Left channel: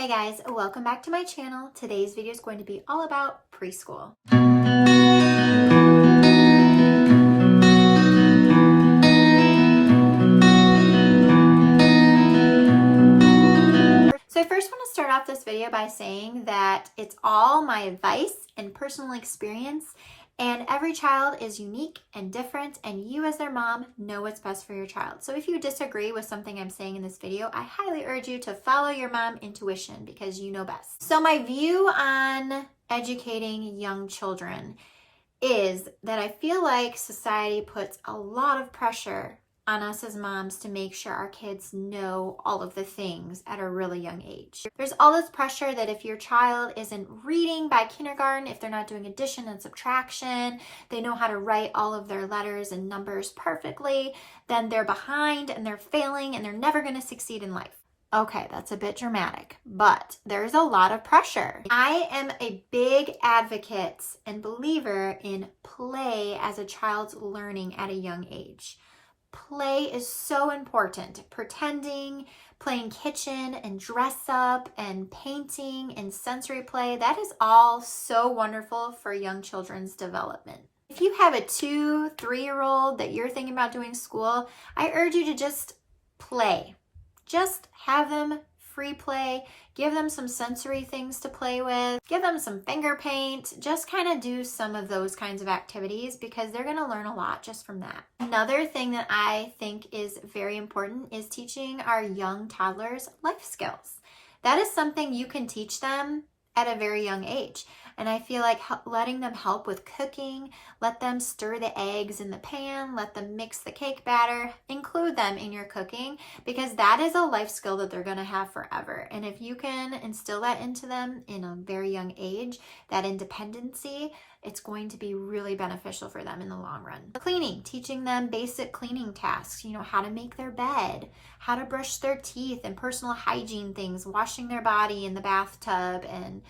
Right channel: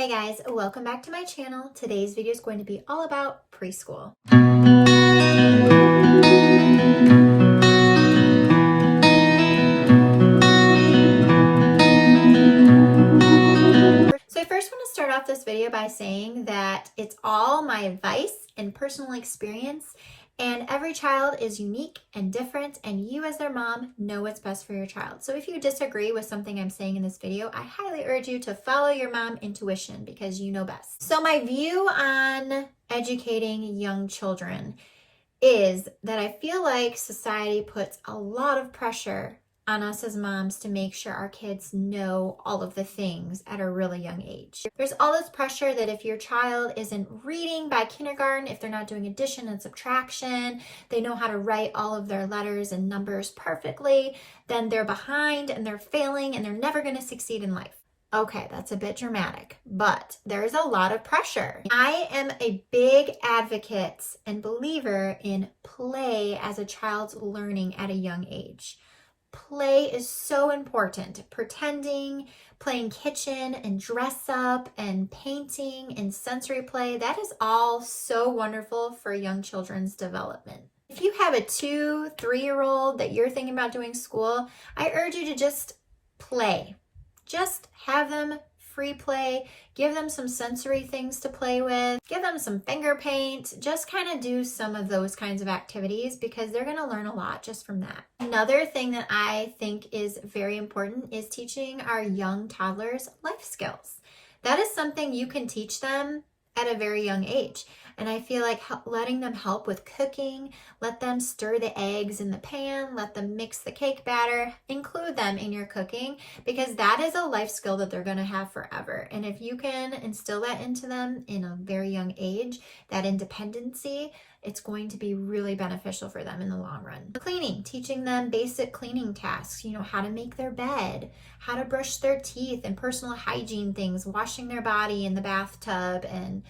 Hey guys, welcome back to my channel. Today's video is going to be all about preschool. So I first want to start off this video by saying that it's all my advice and personal experience, and every child is unique and different, and you as their mom know what's best for your child. So if you disagree with something I'm saying in this video, I highly urge you to follow your mom intuition because you know best. So my view on educating young children is that I feel like society puts a lot of pressure on us as moms to make sure our kids know all of the things at a really young age. There's all this pressure that if your child isn't reading by kindergarten, if they're not doing addition and subtraction, they know how to write all of their letters and numbers perfectly, then they're behind and they're failing and they're never going to succeed in life. Okay, that's a bit dramatic, but there's a lot of pressure. I am a big advocate and believer in play as a child's learning at a young age. Play is so important. Pretending, playing kitchen and dress up and painting and sensory play, that is all so wonderful for young children's development. If you have a 2, 3-year-old that you're thinking about doing school, I urge you to just play. Just have them free play, give them some sensory things to play with, give them some finger paint, just kind of do some of those kinds of activities because they're going to learn a lot just from that. Another thing that I think is very important is teaching our young toddlers life skills. That is something you can teach them at a very young age. And I feel like letting them help with cooking, let them stir the eggs in the pan, let them mix the cake batter, include them in your cooking, because that is a life skill that they're going to have forever. And if you can instill that into them in a very young age, that independency, it's going to be really beneficial for them in the long run. Cleaning, teaching them basic cleaning tasks, how to make their bed, how to brush their teeth and personal hygiene things, washing their body in the bathtub, and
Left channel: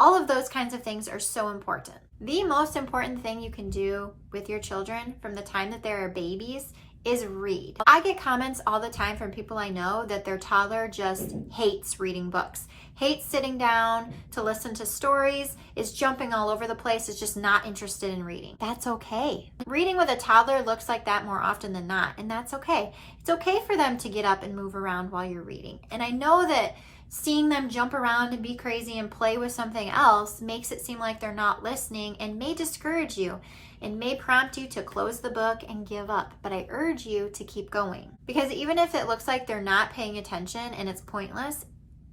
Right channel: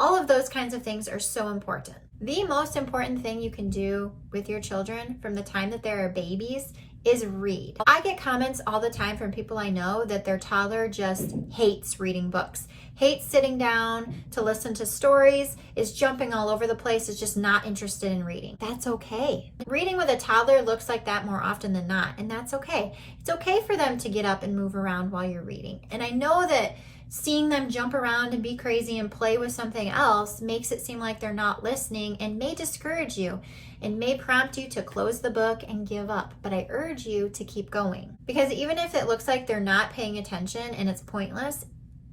all of those kinds of things are so important. The most important thing you can do with your children from the time that they're babies is read. I get comments all the time from people I know that their toddler just hates reading books, hates sitting down to listen to stories, is jumping all over the place, is just not interested in reading. That's okay. Reading with a toddler looks like that more often than not, and that's okay. It's okay for them to get up and move around while you're reading. And I know that seeing them jump around and be crazy and play with something else makes it seem like they're not listening and may discourage you and may prompt you to close the book and give up. But I urge you to keep going, because even if it looks like they're not paying attention and it's pointless,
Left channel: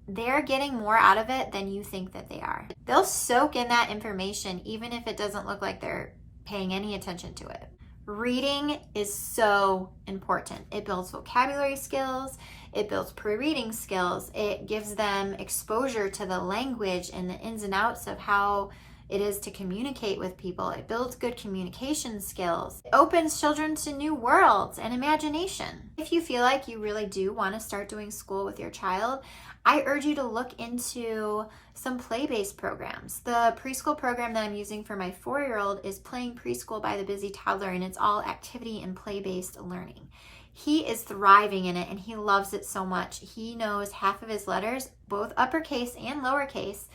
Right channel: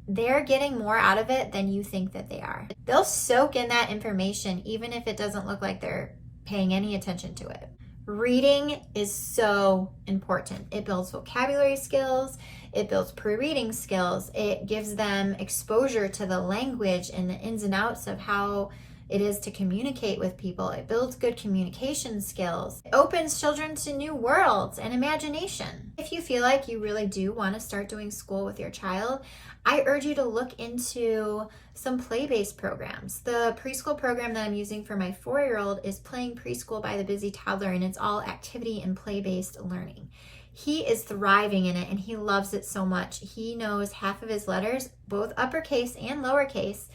they're getting more out of it than you think that they are. They'll soak in that information even if it doesn't look like they're paying any attention to it. Reading is so important. It builds vocabulary skills. It builds pre-reading skills. It gives them exposure to the language and the ins and outs of how it is to communicate with people. It builds good communication skills. It opens children to new worlds and imagination. If you feel like you really do want to start doing school with your child, I urge you to look into some play-based programs. The preschool program that I'm using for my 4-year-old is Playing Preschool by the Busy Toddler, and it's all activity and play-based learning. He is thriving in it and he loves it so much. He knows half of his letters, both uppercase and lowercase,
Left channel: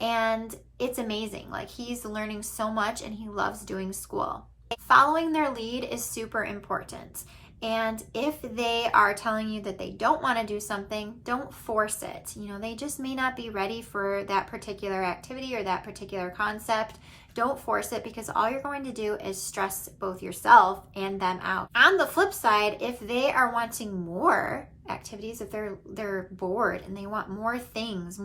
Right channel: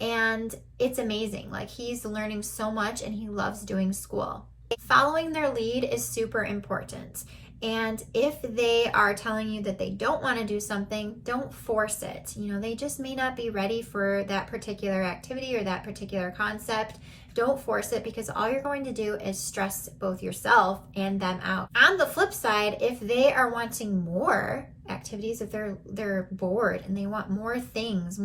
and it's amazing. Like, he's learning so much and he loves doing school. Following their lead is super important. And if they are telling you that they don't want to do something, don't force it. They just may not be ready for that particular activity or that particular concept. Don't force it, because all you're going to do is stress both yourself and them out. On the flip side, if they are wanting more activities, if they're bored and they want more things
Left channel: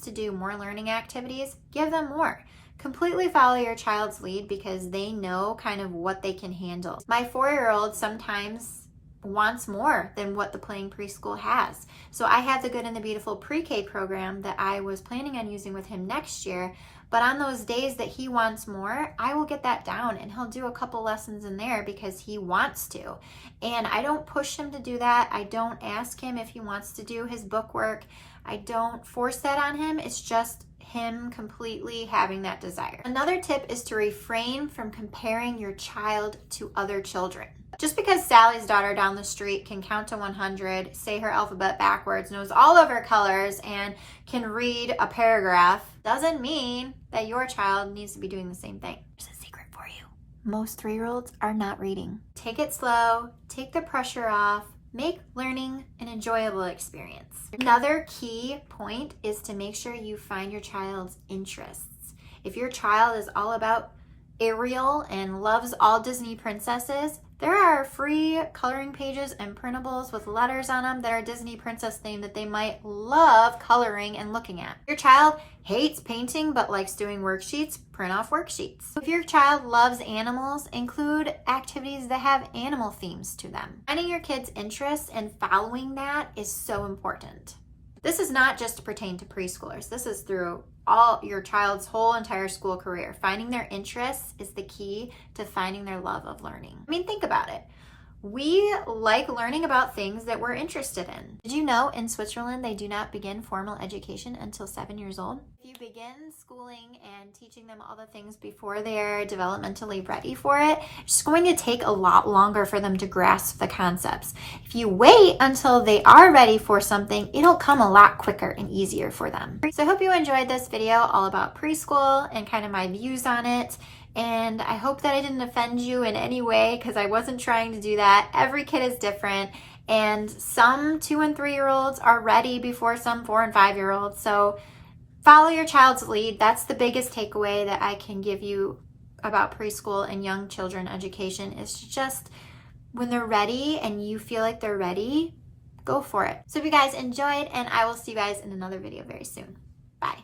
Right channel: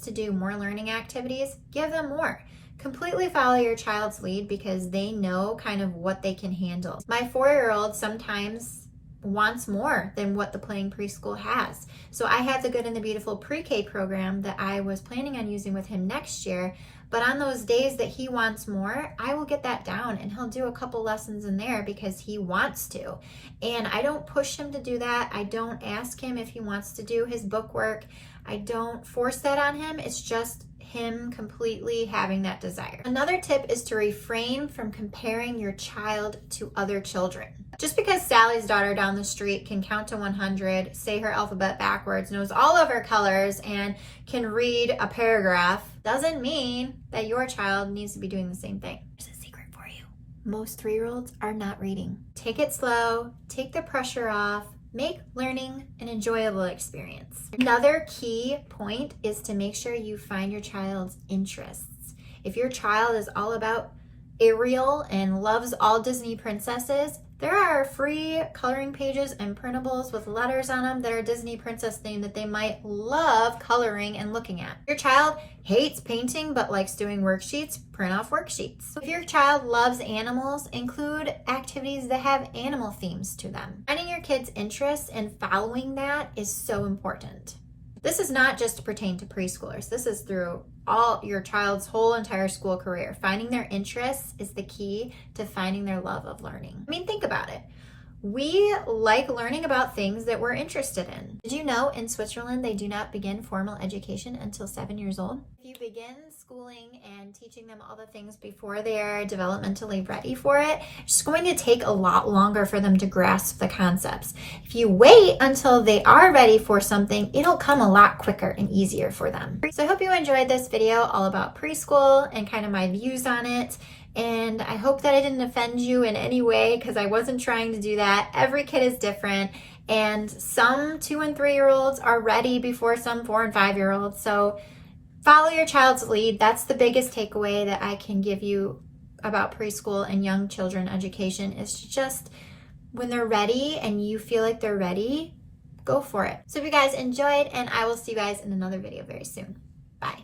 to do, more learning activities, give them more. Completely follow your child's lead because they know kind of what they can handle. My 4-year-old sometimes wants more than what the Playing Preschool has. So I have the Good and the Beautiful pre-K program that I was planning on using with him next year. But on those days that he wants more, I will get that down and he'll do a couple lessons in there because he wants to. And I don't push him to do that. I don't ask him if he wants to do his book work. I don't force that on him. It's just him completely having that desire. Another tip is to refrain from comparing your child to other children. Just because Sally's daughter down the street can count to 100, say her alphabet backwards, knows all of her colors, and can read a paragraph, doesn't mean that your child needs to be doing the same thing. There's a secret for you. Most 3-year-olds are not reading. Take it slow, take the pressure off, make learning an enjoyable experience. Another key point is to make sure you find your child's interests. If your child is all about Ariel and loves all Disney princesses, there are free coloring pages and printables with letters on them that are Disney princess themed that they might love coloring and looking at. Your child hates painting but likes doing worksheets, print off worksheets. If your child loves animals, include activities that have animal themes to them. Finding your kids' interests and following that is so important. This is not just to pertain to preschoolers. This is through all your child's whole entire school career. Finding their interests is the key to finding their love of learning. I mean, think about it. We like learning about things that we're interested in. Did you know in Switzerland they do not begin formal education until 7 years old? If you begin schooling and teaching them all the things before they're developmentally ready for it, it's going to take a lot longer for them to grasp the concepts. If you wait until they are ready for something, it'll come a lot quicker and easier for them. So I hope you enjoyed this video all about preschool and kind of my views on it. And I hope that I didn't offend you in any way because I wasn't trying to do that. Every kid is different, and some 2- and 3-year-olds are ready before some 4- and 5-year-olds. So follow your child's lead. That's the biggest takeaway that I can give you about preschool and young children education is just when they're ready and you feel like they're ready, go for it. So if you guys enjoyed, and I will see you guys in another video very soon. Bye.